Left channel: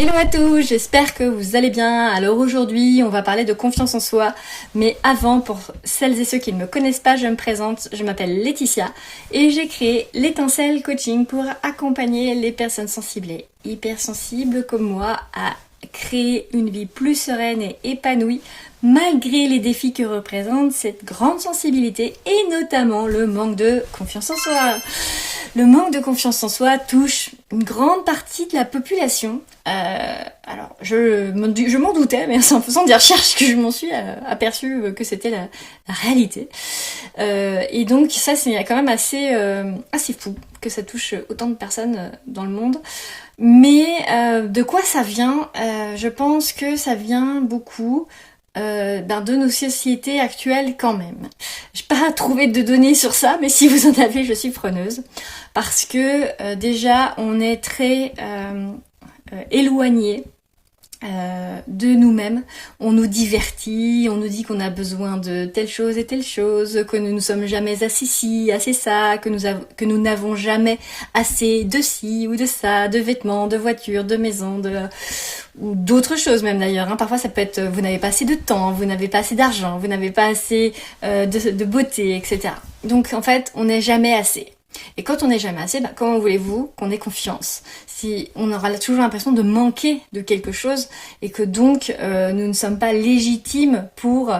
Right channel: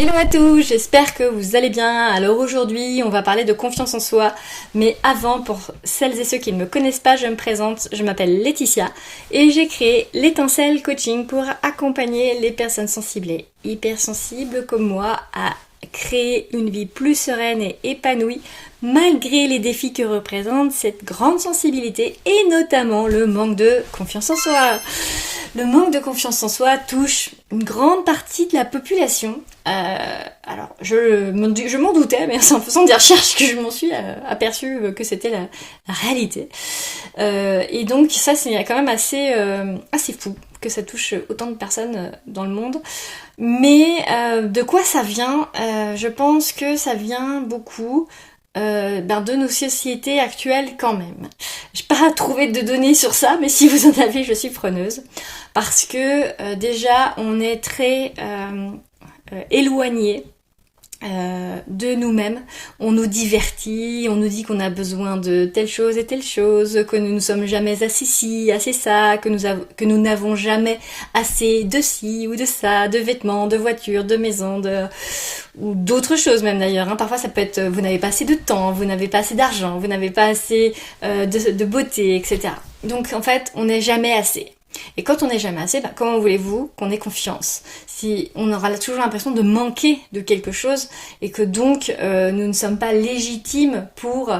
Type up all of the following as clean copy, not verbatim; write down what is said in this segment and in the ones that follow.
Hello à tous, j'espère que vous allez bien. Alors aujourd'hui, on va parler de confiance en soi. Mais avant, pour celles et ceux qui ne me connaissent pas, je me présente. Je m'appelle Laetitia et j'ai créé l'Étincelle Coaching pour accompagner les personnes sensibles et hypersensibles comme moi à créer une vie plus sereine et épanouie malgré les défis que représente cette grande sensibilité et notamment le manque de confiance en soi. Le manque de confiance en soi touche une grande partie de la population. Alors, je m'en doutais, mais c'est en faisant des recherches que je m'en suis aperçue que c'était la réalité. Et donc ça, c'est quand même assez fou que ça touche autant de personnes dans le monde. Mais de quoi ça vient Je pense que ça vient beaucoup de nos sociétés actuelles quand même. J'ai pas trouvé de données sur ça, mais si vous en avez, je suis preneuse. Parce que déjà, on est très éloigné de nous-mêmes. On nous divertit, on nous dit qu'on a besoin de telle chose et telle chose, que nous ne sommes jamais assez ci, assez ça, que nous n'avons jamais assez de ci ou de ça, de vêtements, de voitures, de maisons, ou d'autres choses même d'ailleurs. Parfois ça peut être vous n'avez pas assez de temps, vous n'avez pas assez d'argent, vous n'avez pas assez de beauté, etc. Donc en fait, on n'est jamais assez. Et quand on n'est jamais assez, comment voulez-vous qu'on ait confiance si on aura toujours l'impression de manquer de quelque chose et que donc nous ne sommes pas légitimes pour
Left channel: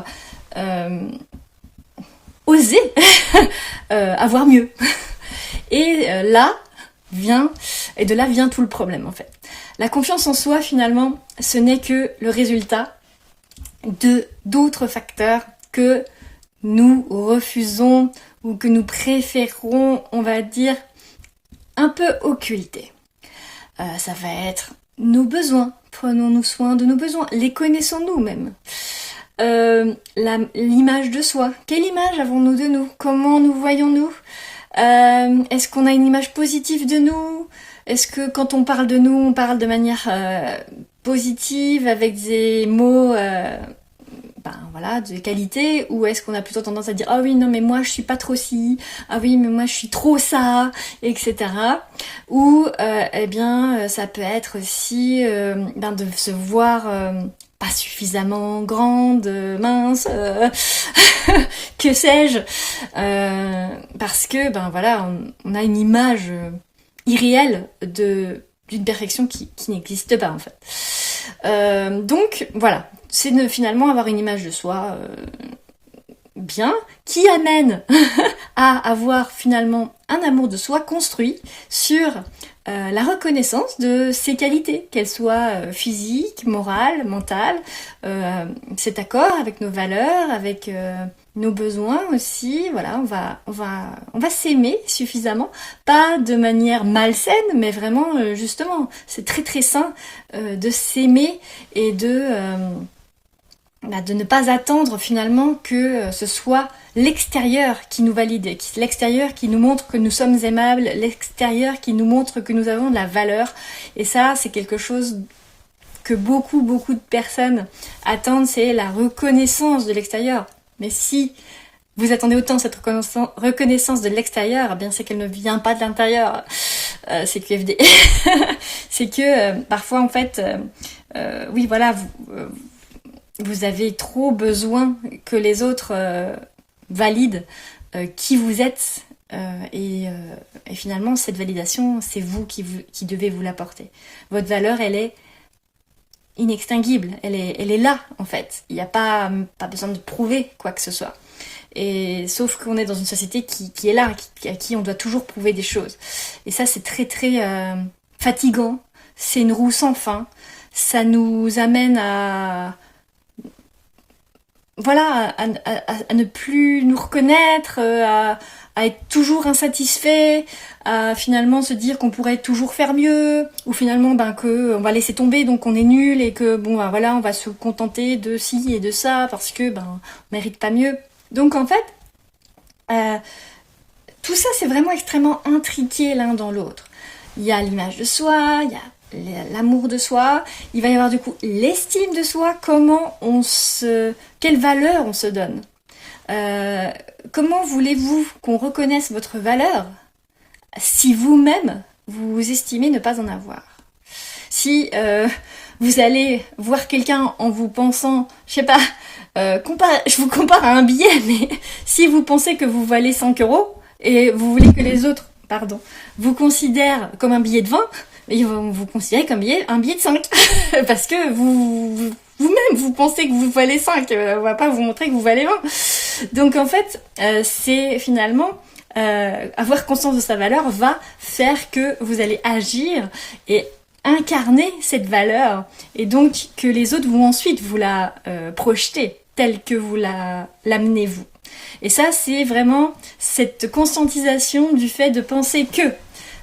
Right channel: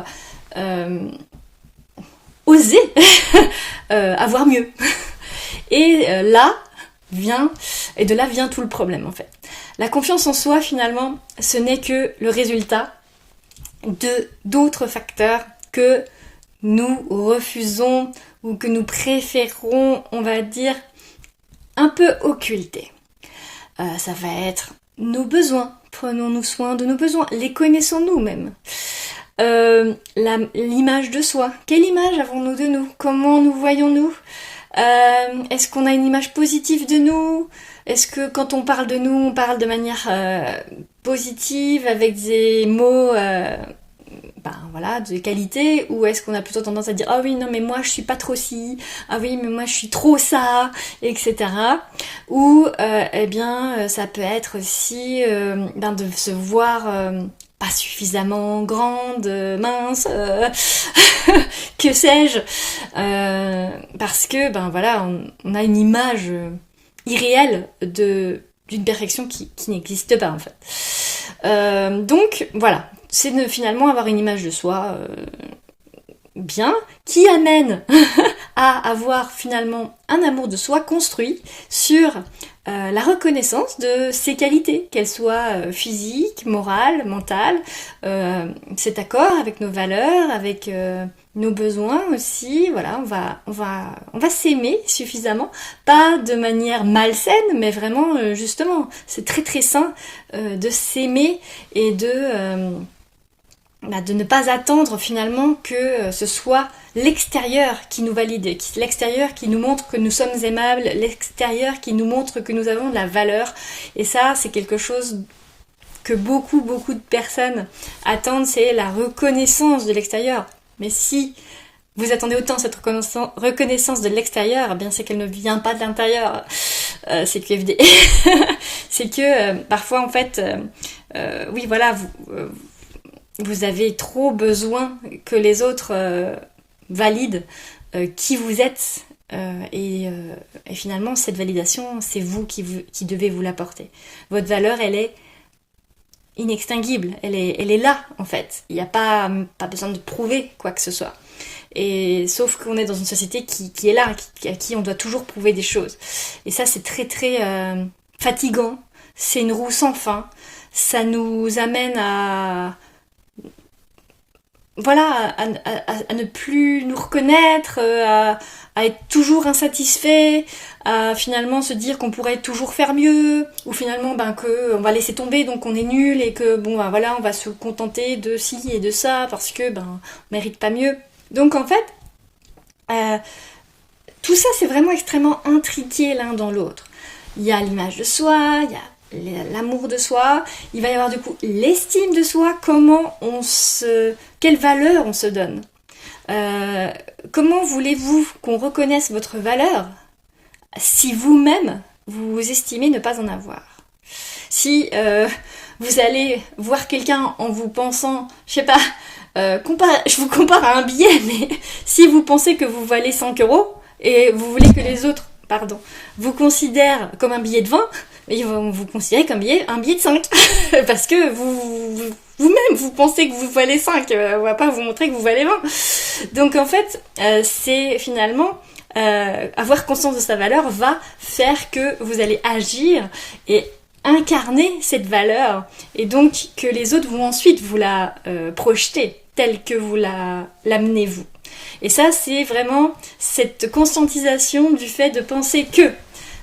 oser avoir mieux. Et de là vient tout le problème en fait. La confiance en soi finalement, ce n'est que le résultat de d'autres facteurs que nous refusons ou que nous préférons, on va dire, un peu occulter. Ça va être nos besoins. Prenons-nous soin de nos besoins. Les connaissons-nous même. L'image de soi. Quelle image avons-nous de nous? Comment nous voyons-nous? Est-ce qu'on a une image positive de nous? Est-ce que quand on parle de nous, on parle de manière positive, avec des mots de qualité, ou est-ce qu'on a plutôt tendance à dire ah oui non mais moi je suis pas trop ci, ah oui mais moi je suis trop ça, etc. Ou ça peut être aussi de se voir pas suffisamment grande, mince, que sais-je, parce que on a une image irréelle d'une perfection qui n'existe pas en fait. Donc voilà. C'est finalement avoir une image de soi bien, qui amène à avoir finalement un amour de soi construit sur la reconnaissance de ses qualités, qu'elles soient physiques, morales, mentales, cet accord avec nos valeurs, avec nos besoins aussi. Voilà, on va s'aimer suffisamment, pas de manière malsaine, mais vraiment justement, c'est très très sain de s'aimer et de ne pas attendre finalement que ce soit l'extérieur qui nous valide, l'extérieur qui nous montre que nous sommes aimables, l'extérieur qui nous montre que nous avons de la valeur. Et ça, c'est quelque chose que beaucoup de personnes attendent, c'est la reconnaissance de l'extérieur. Mais si vous attendez autant cette reconnaissance de l'extérieur, c'est qu'elle ne vient pas de l'intérieur. C'est QFD. C'est que parfois en fait, vous avez trop besoin que les autres valident qui vous êtes et finalement cette validation, c'est vous qui devez vous l'apporter. Votre valeur, elle est inextinguible, elle est là en fait. Il n'y a pas besoin de prouver quoi que ce soit. Et sauf qu'on est dans une société qui est là, à qui on doit toujours prouver des choses. Et ça, c'est très très fatigant. C'est une roue sans fin. Ça nous amène à ne plus nous reconnaître, à être toujours insatisfait, à finalement se dire qu'on pourrait toujours faire mieux, ou finalement que on va laisser tomber, donc on est nul et que on va se contenter de ci et de ça parce que on mérite pas mieux. Donc en fait, tout ça c'est vraiment extrêmement intriqué l'un dans l'autre. Il y a l'image de soi, il y a l'amour de soi, il va y avoir du coup l'estime de soi, quelle valeur on se donne. Comment voulez-vous qu'on reconnaisse votre valeur si vous-même vous estimez ne pas en avoir? Si vous allez voir quelqu'un en vous pensant, je sais pas, je vous compare à un billet, mais si vous pensez que vous valez 5 euros et vous voulez que les autres, vous considèrent comme un billet de 20, ils vont vous considérer comme un billet de 5. Parce que vous-même, vous pensez que vous valez 5. On va pas vous montrer que vous valez 20. Donc en fait, c'est finalement... avoir conscience de sa valeur va faire que vous allez agir et incarner cette valeur et donc que les autres vont ensuite vous la projeter telle que vous l'amenez vous. Et ça, c'est vraiment cette conscientisation du fait de penser que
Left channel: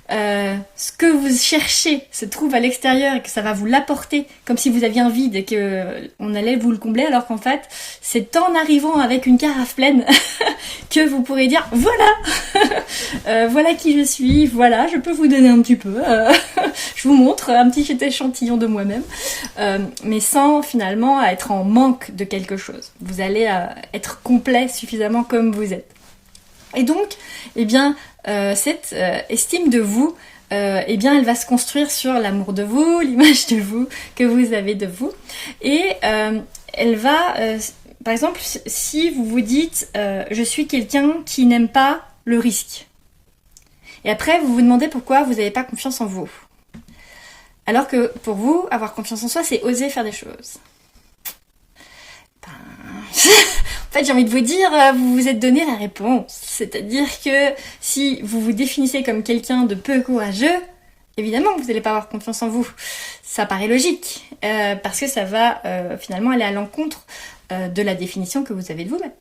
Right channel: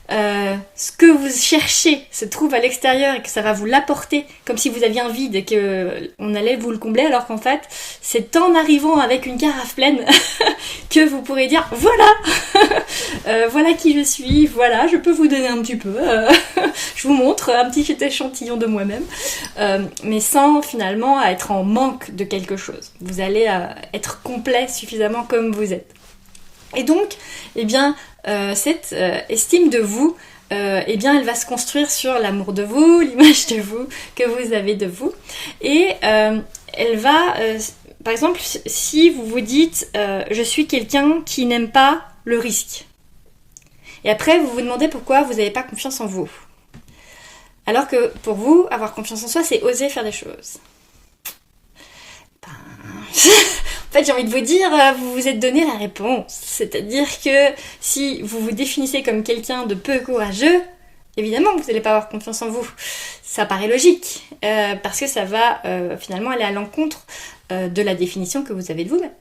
ce que vous cherchez se trouve à l'extérieur et que ça va vous l'apporter comme si vous aviez un vide et que on allait vous le combler, alors qu'en fait c'est en arrivant avec une carafe pleine que vous pourrez dire voilà voilà qui je suis, voilà je peux vous donner un petit peu je vous montre un petit échantillon de moi-même, mais sans finalement être en manque de quelque chose. Vous allez être complet suffisamment comme vous êtes. Et donc, eh bien, cette estime de vous, eh bien, elle va se construire sur l'amour de vous, l'image de vous que vous avez de vous. Et elle va, par exemple, si vous vous dites je suis quelqu'un qui n'aime pas le risque. Et après, vous vous demandez pourquoi vous n'avez pas confiance en vous. Alors que pour vous, avoir confiance en soi, c'est oser faire des choses. En fait, j'ai envie de vous dire, vous vous êtes donné la réponse. C'est-à-dire que si vous vous définissez comme quelqu'un de peu courageux, évidemment que vous n'allez pas avoir confiance en vous. Ça paraît logique, parce que ça va finalement aller à l'encontre de la définition que vous avez de vous-même.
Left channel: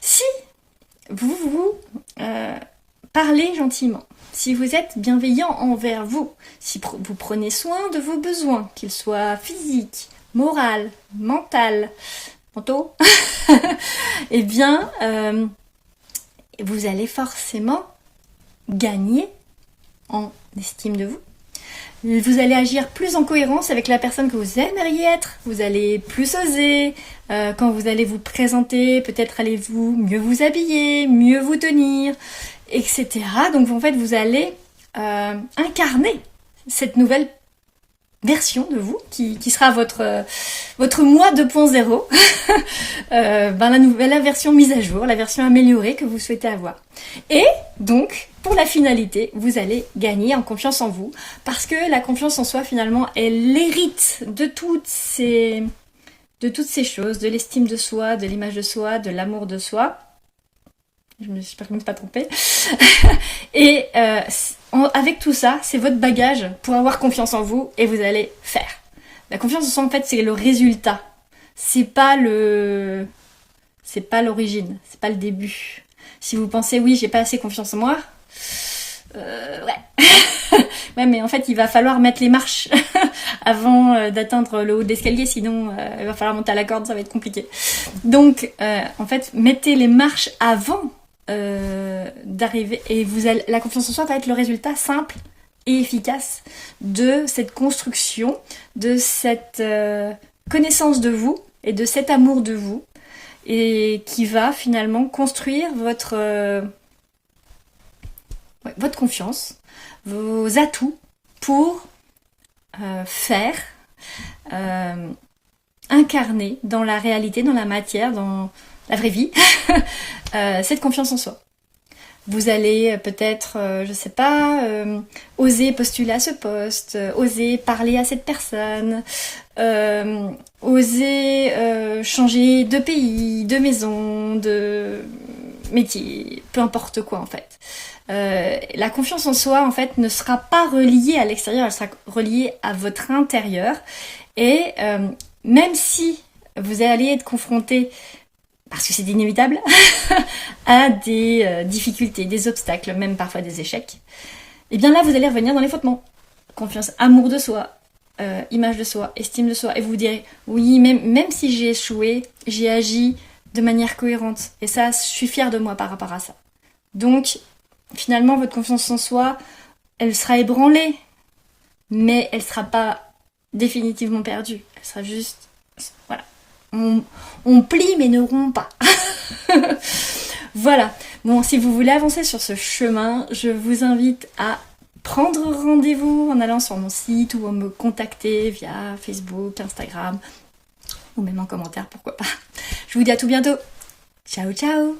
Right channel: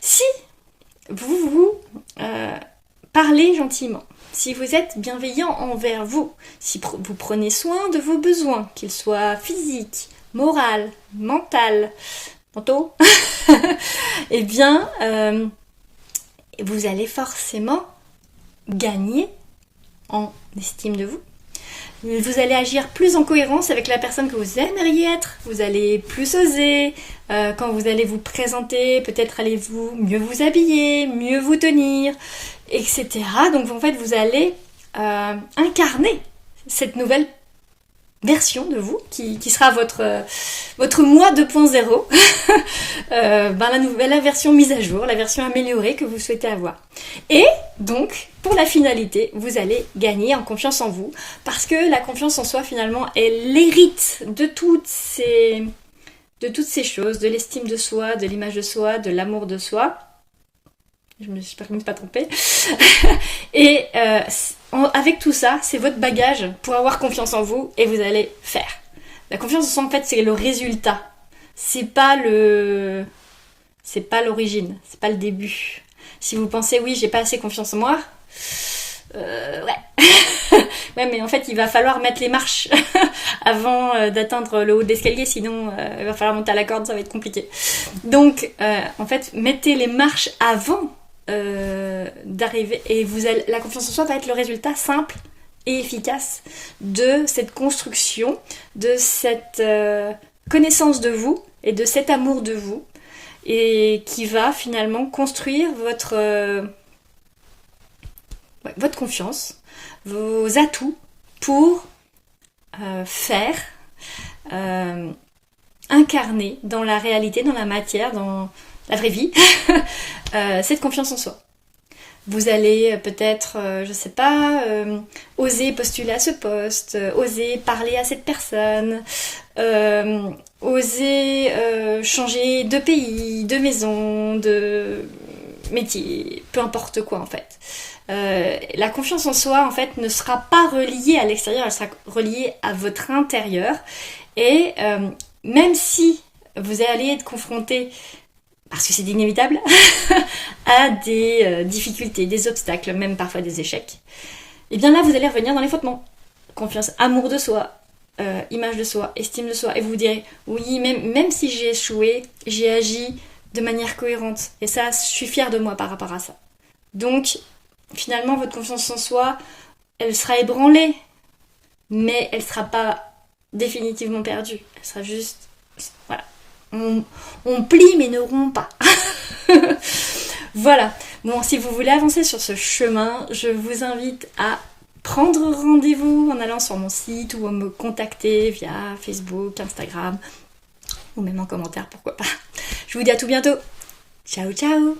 Si vous parlez gentiment, si vous êtes bienveillant envers vous, si vous prenez soin de vos besoins, qu'ils soient physiques, moraux, mentaux, eh bien, vous allez forcément gagner en estime de vous. Vous allez agir plus en cohérence avec la personne que vous aimeriez être. Vous allez plus oser. Quand vous allez vous présenter, peut-être allez-vous mieux vous habiller, mieux vous tenir, etc. Donc en fait, vous allez incarner cette nouvelle version de vous qui sera votre moi 2.0, la version mise à jour, la version améliorée que vous souhaitez avoir. Et donc, pour la finalité, vous allez gagner en confiance en vous, parce que la confiance en soi, finalement, elle hérite de toutes ces choses, de l'estime de soi, de l'image de soi, de l'amour de soi. J'espère que je ne me suis pas trompée. Et avec tout ça, c'est votre bagage pour avoir confiance en vous et vous allez faire. La confiance en soi, en fait, c'est le résultat. C'est pas l'origine, c'est pas le début. Si vous pensez, oui, j'ai pas assez confiance en moi, ouais. Ouais, mais en fait, il va falloir mettre les marches avant d'atteindre le haut de l'escalier, sinon il va falloir monter à la corde, ça va être compliqué. Donc, en fait, mettez les marches avant d'arriver, et la confiance en soi va être le résultat simple et efficace de cette construction, de cette connaissance de vous et de cet amour de vous, et qui va finalement construire votre confiance, vos atouts pour faire, incarner dans la réalité, dans la matière, dans la vraie vie, cette confiance en soi. Vous allez peut-être, je sais pas, oser postuler à ce poste, oser parler à cette personne, oser changer de pays, de maison, de métier, peu importe quoi en fait. La confiance en soi en fait ne sera pas reliée à l'extérieur, elle sera reliée à votre intérieur, et même si vous allez être confronté, parce que c'est inévitable, à des difficultés, des obstacles, même parfois des échecs, et bien là vous allez revenir dans les fondements. Confiance, amour de soi, image de soi, estime de soi, et vous vous direz oui, même si j'ai échoué, j'ai agi de manière cohérente, et ça, je suis fière de moi par rapport à ça. Donc finalement votre confiance en soi, elle sera ébranlée, mais elle sera pas définitivement perdue, elle sera juste, voilà, on plie mais ne rompt pas. Voilà. Bon, si vous voulez avancer sur ce chemin, je vous invite à prendre rendez-vous en allant sur mon site ou à me contacter via Facebook, Instagram ou même en commentaire, pourquoi pas. Je vous dis à tout bientôt. Ciao ciao.